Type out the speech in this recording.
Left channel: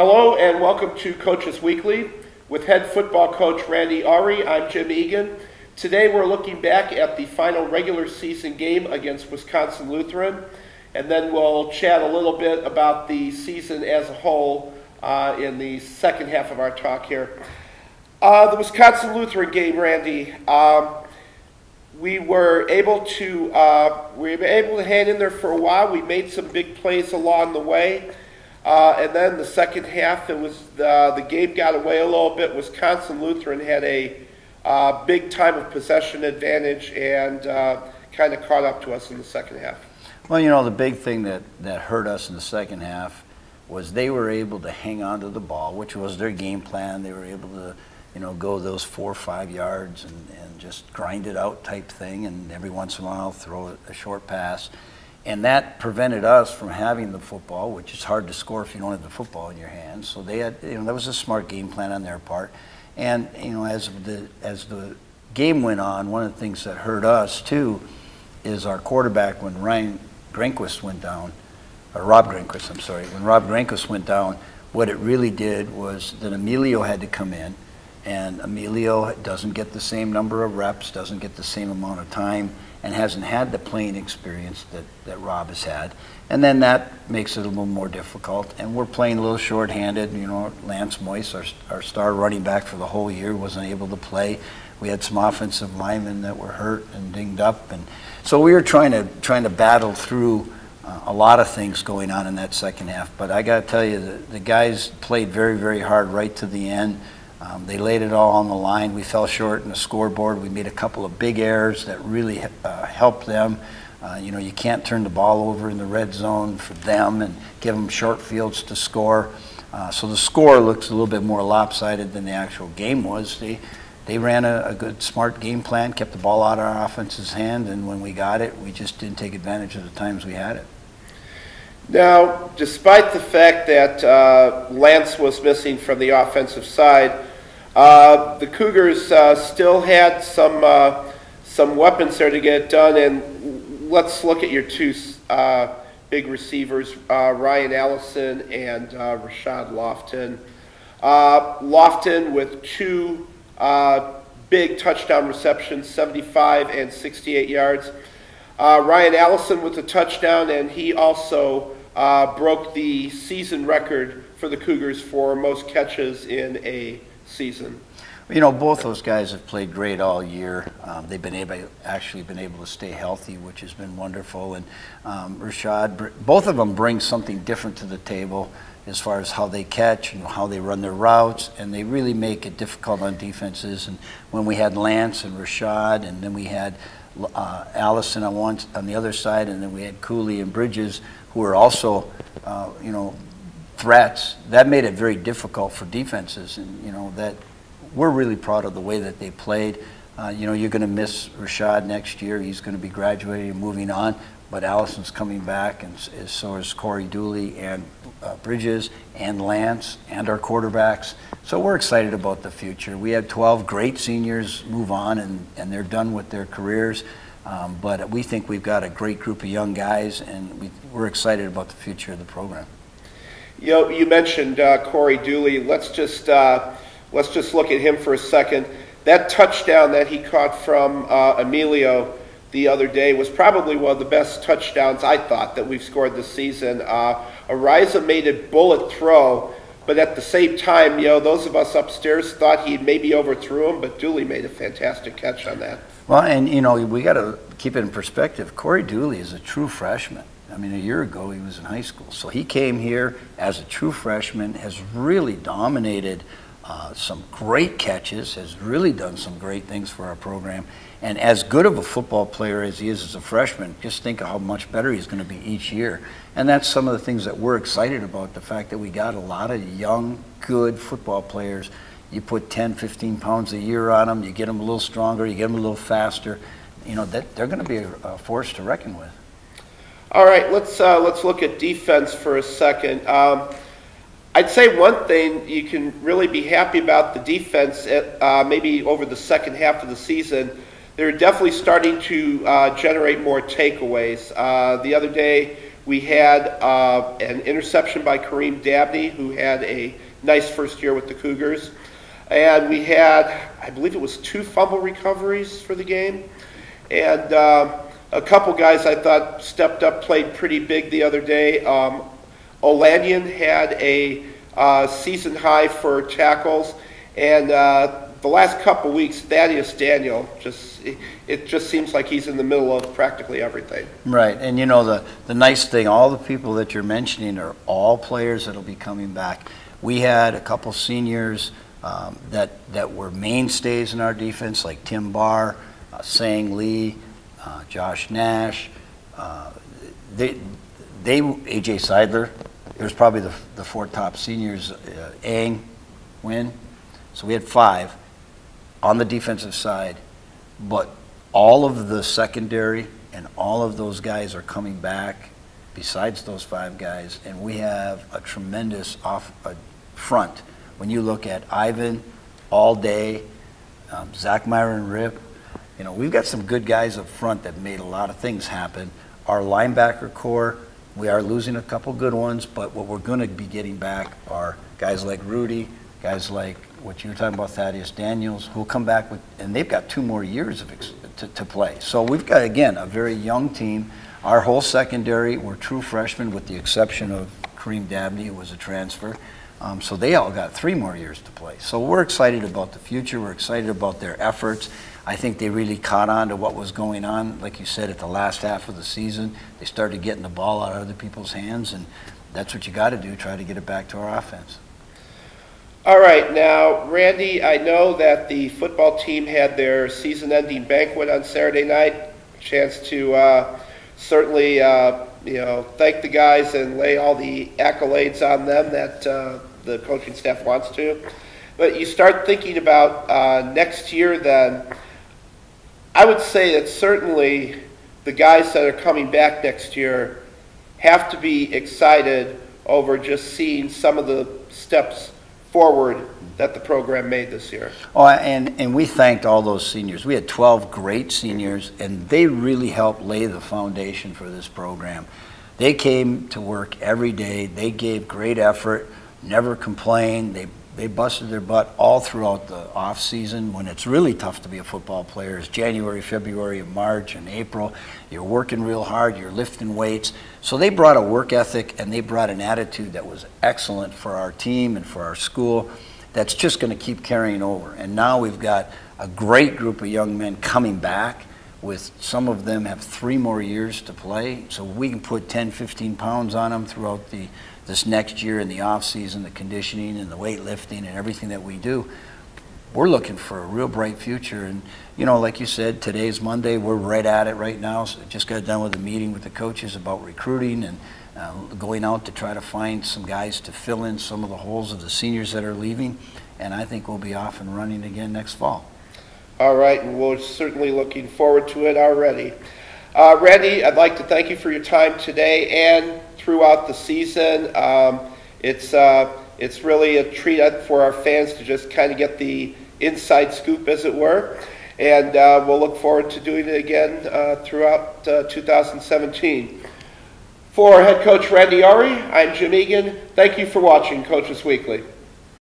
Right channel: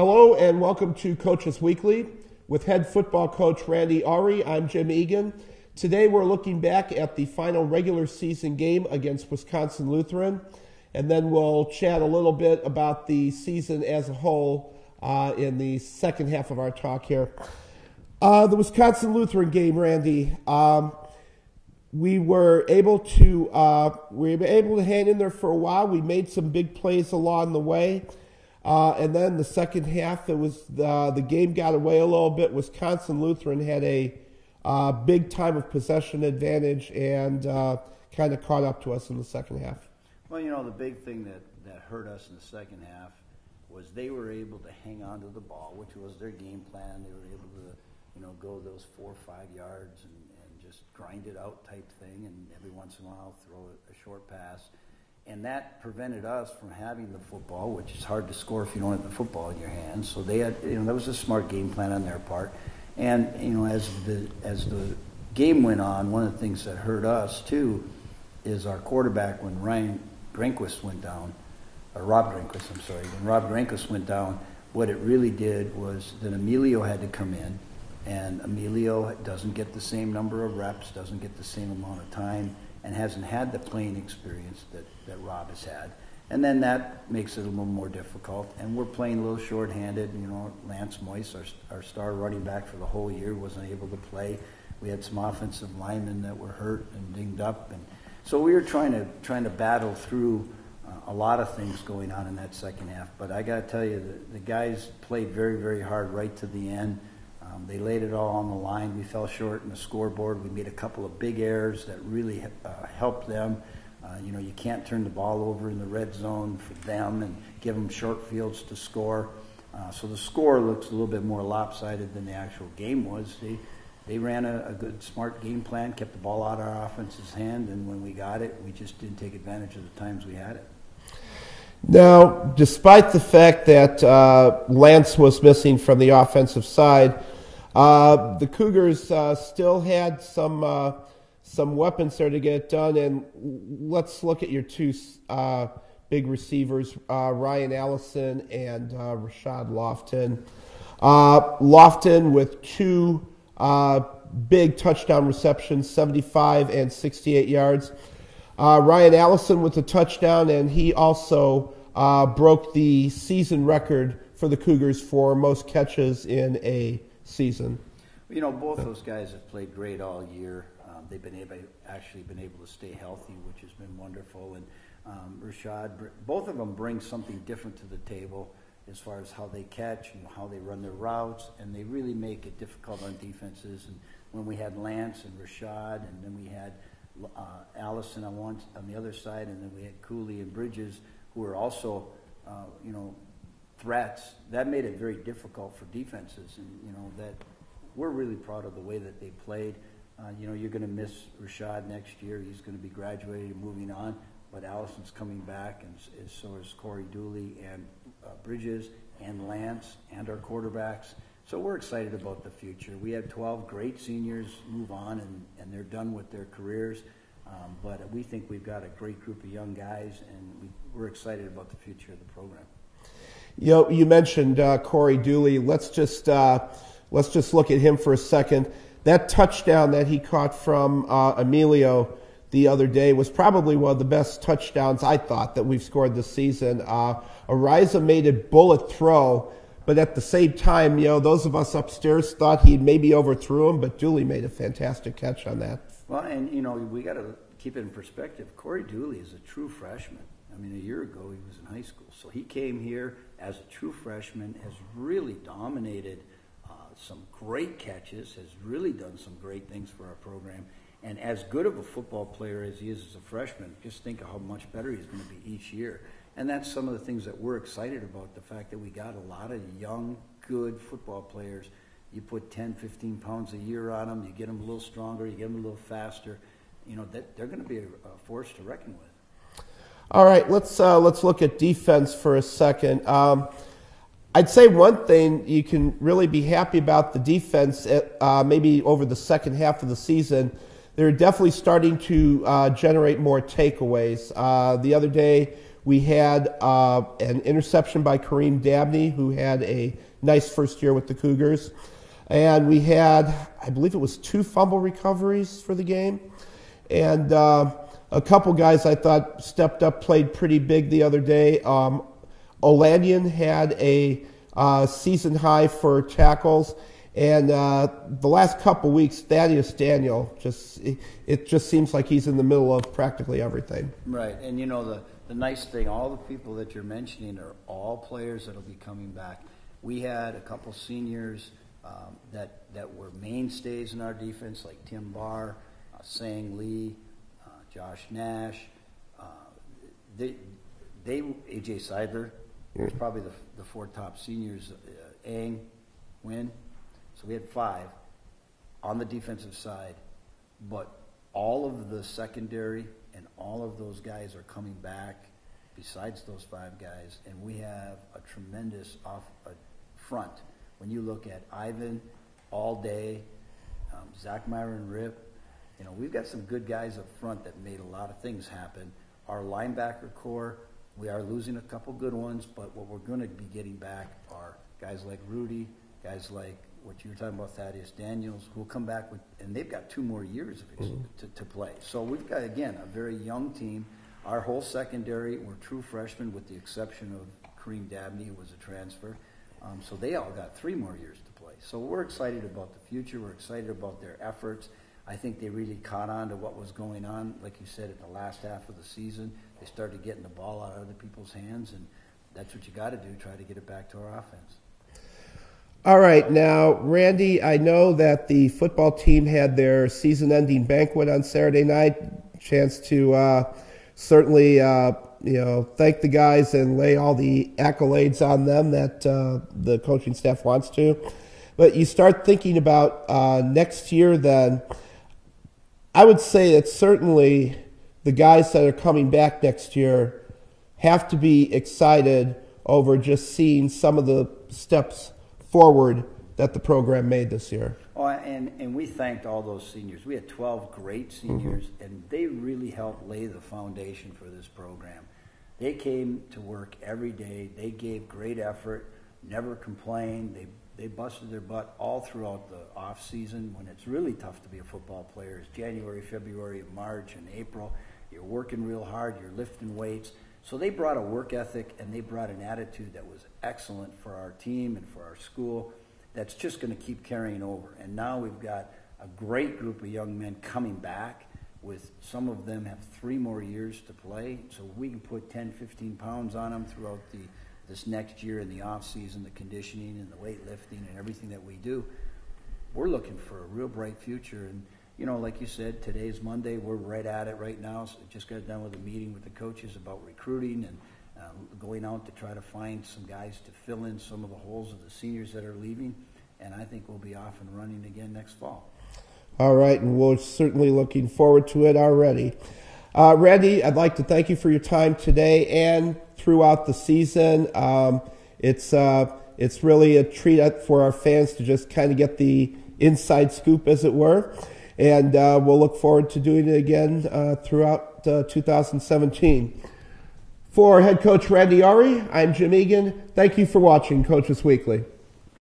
Hello and welcome to Coaches Weekly with head football coach Randy Awrey. I'm Jim Egan. Today we're looking back at the final regular season game against Wisconsin Lutheran, and then we'll chat a little bit about the season as a whole in the second half of our talk here. The Wisconsin Lutheran game, Randy, we were able to hang in there for a while. We made some big plays along the way. And then the second half, it was the game got away a little bit. Wisconsin Lutheran had a big time of possession advantage and kind of caught up to us in the second half. Well, you know, the big thing that hurt us in the second half was they were able to hang on to the ball, which was their game plan. They were able to, you know, go those 4 or 5 yards and just grind it out type thing, and every once in a while throw a short pass. And that prevented us from having the football, which is hard to score if you don't have the football in your hands. So they had, you know, that was a smart game plan on their part. And, you know, as the game went on, one of the things that hurt us too is our quarterback when Rob Granquist, when Rob Granquist went down, what it really did was that Emilio had to come in, and Emilio doesn't get the same number of reps, doesn't get the same amount of time, and hasn't had the playing experience that Rob has had. And then that makes it a little more difficult. And we're playing a little short-handed. You know, Lance Moyce, our star running back for the whole year, wasn't able to play. We had some offensive linemen that were hurt and dinged up. And so we were trying to battle through a lot of things going on in that second half. But I got to tell you, the guys played very, very hard right to the end. They laid it all on the line. We fell short in the scoreboard. We made a couple of big errors that really helped them. You know, you can't turn the ball over in the red zone for them and give them short fields to score. So the score looks a little bit more lopsided than the actual game was. They ran a good, smart game plan, kept the ball out of our offense's hand, and when we got it, we just didn't take advantage of the times we had it. Now, despite the fact that Lance was missing from the offensive side, the Cougars still had some weapons there to get it done, and let's look at your two big receivers, Ryan Allison and Rashad Lofton. Lofton with 2 big touchdown receptions, 75 and 68 yards. Ryan Allison with a touchdown, and he also broke the season record for the Cougars for most catches in a season. You know, both those guys have played great all year. They've been able to stay healthy, which has been wonderful. And Rashad, both of them bring something different to the table as far as how they catch and how they run their routes, and they really make it difficult on defenses. And when we had Lance and Rashad, and then we had Allison on the other side, and then we had Cooley and Bridges, who are also, you know, threats, that made it very difficult for defenses. And, you know, that we're really proud of the way that they played. You know, you're going to miss Rashad next year. He's going to be graduating and moving on, but Allison's coming back, and so is Corey Dooley and Bridges and Lance and our quarterbacks. So we're excited about the future. We had 12 great seniors move on, and they're done with their careers. But we think we've got a great group of young guys, and we're excited about the future of the program. You know, you mentioned Corey Dooley. Let's just look at him for a second. That touchdown that he caught from Emilio the other day was probably one of the best touchdowns, I thought, that we've scored this season. Ariza made a bullet throw, but at the same time, you know, those of us upstairs thought he maybe overthrew him, but Dooley made a fantastic catch on that. Well, and, you know, we got to keep it in perspective. Corey Dooley is a true freshman. I mean, a year ago he was in high school. So he came here as a true freshman, has really dominated some great catches, has really done some great things for our program. And as good of a football player as he is as a freshman, just think of how much better he's going to be each year. And that's some of the things that we're excited about, the fact that we got a lot of young, good football players. You put 10, 15 pounds a year on them, you get them a little stronger, you get them a little faster. You know, they're going to be a force to reckon with. All right, let's look at defense for a second. I'd say one thing you can really be happy about the defense, maybe over the second half of the season, they're definitely starting to generate more takeaways. The other day, We had an interception by Kareem Dabney, who had a nice first year with the Cougars. And we had, I believe it was 2 fumble recoveries for the game. And a couple guys I thought stepped up, played pretty big the other day. Olanian had a season high for tackles. And the last couple weeks, Thaddeus Daniel, it just seems like he's in the middle of practically everything. Right, and you know, the nice thing, all the people that you're mentioning are all players that will be coming back. We had a couple seniors that were mainstays in our defense, like Tim Barr, Sang Lee, Josh Nash. AJ Seidler. There's probably the 4 top seniors. Ang, Wynn. So we had 5 on the defensive side, but all of the secondary and all of those guys are coming back besides those 5 guys, and we have a tremendous front. When you look at Ivan, All Day, Zach Myron Rip, you know, we've got some good guys up front that made a lot of things happen. Our linebacker core, we are losing a couple good ones, but what we're going to be getting back are guys like Rudy, guys like what you were talking about, Thaddeus Daniels, who'll come back with, and they've got 2 more years to play. So we've got, again, a very young team. Our whole secondary were true freshmen with the exception of Kareem Dabney, who was a transfer. So they all got 3 more years to play. So we're excited about the future. We're excited about their efforts. I think they really caught on to what was going on. Like you said, at the last half of the season, they started getting the ball out of other people's hands, and that's what you got to do, try to get it back to our offense. All right, now, Randy, I know that the football team had their season-ending banquet on Saturday night. Chance to certainly, thank the guys and lay all the accolades on them that the coaching staff wants to. But you start thinking about next year then, I would say that certainly the guys that are coming back next year have to be excited over just seeing some of the steps forward that the program made this year. Oh, and we thanked all those seniors. We had 12 great seniors, and they really helped lay the foundation for this program. They came to work every day. They gave great effort, never complained. They busted their butt all throughout the off season when it's really tough to be a football player. It's January, February, March, and April. You're working real hard. You're lifting weights. So they brought a work ethic and they brought an attitude that was excellent for our team and for our school. That's just going to keep carrying over. And now we've got a great group of young men coming back. With some of them have 3 more years to play, so we can put 10, 15 pounds on them throughout this next year in the off season, the conditioning and the weightlifting and everything that we do. We're looking for a real bright future. And, you know, like you said, today's Monday. We're right at it right now. So just got done with a meeting with the coaches about recruiting and going out to try to find some guys to fill in some of the holes of the seniors that are leaving. And I think we'll be off and running again next fall. All right, and we're certainly looking forward to it already. Randy, I'd like to thank you for your time today and throughout the season. It's really a treat for our fans to just kind of get the inside scoop, as it were. And we'll look forward to doing it again throughout 2017. For head coach Randy Awrey, I'm Jim Egan. Thank you for watching Coaches Weekly.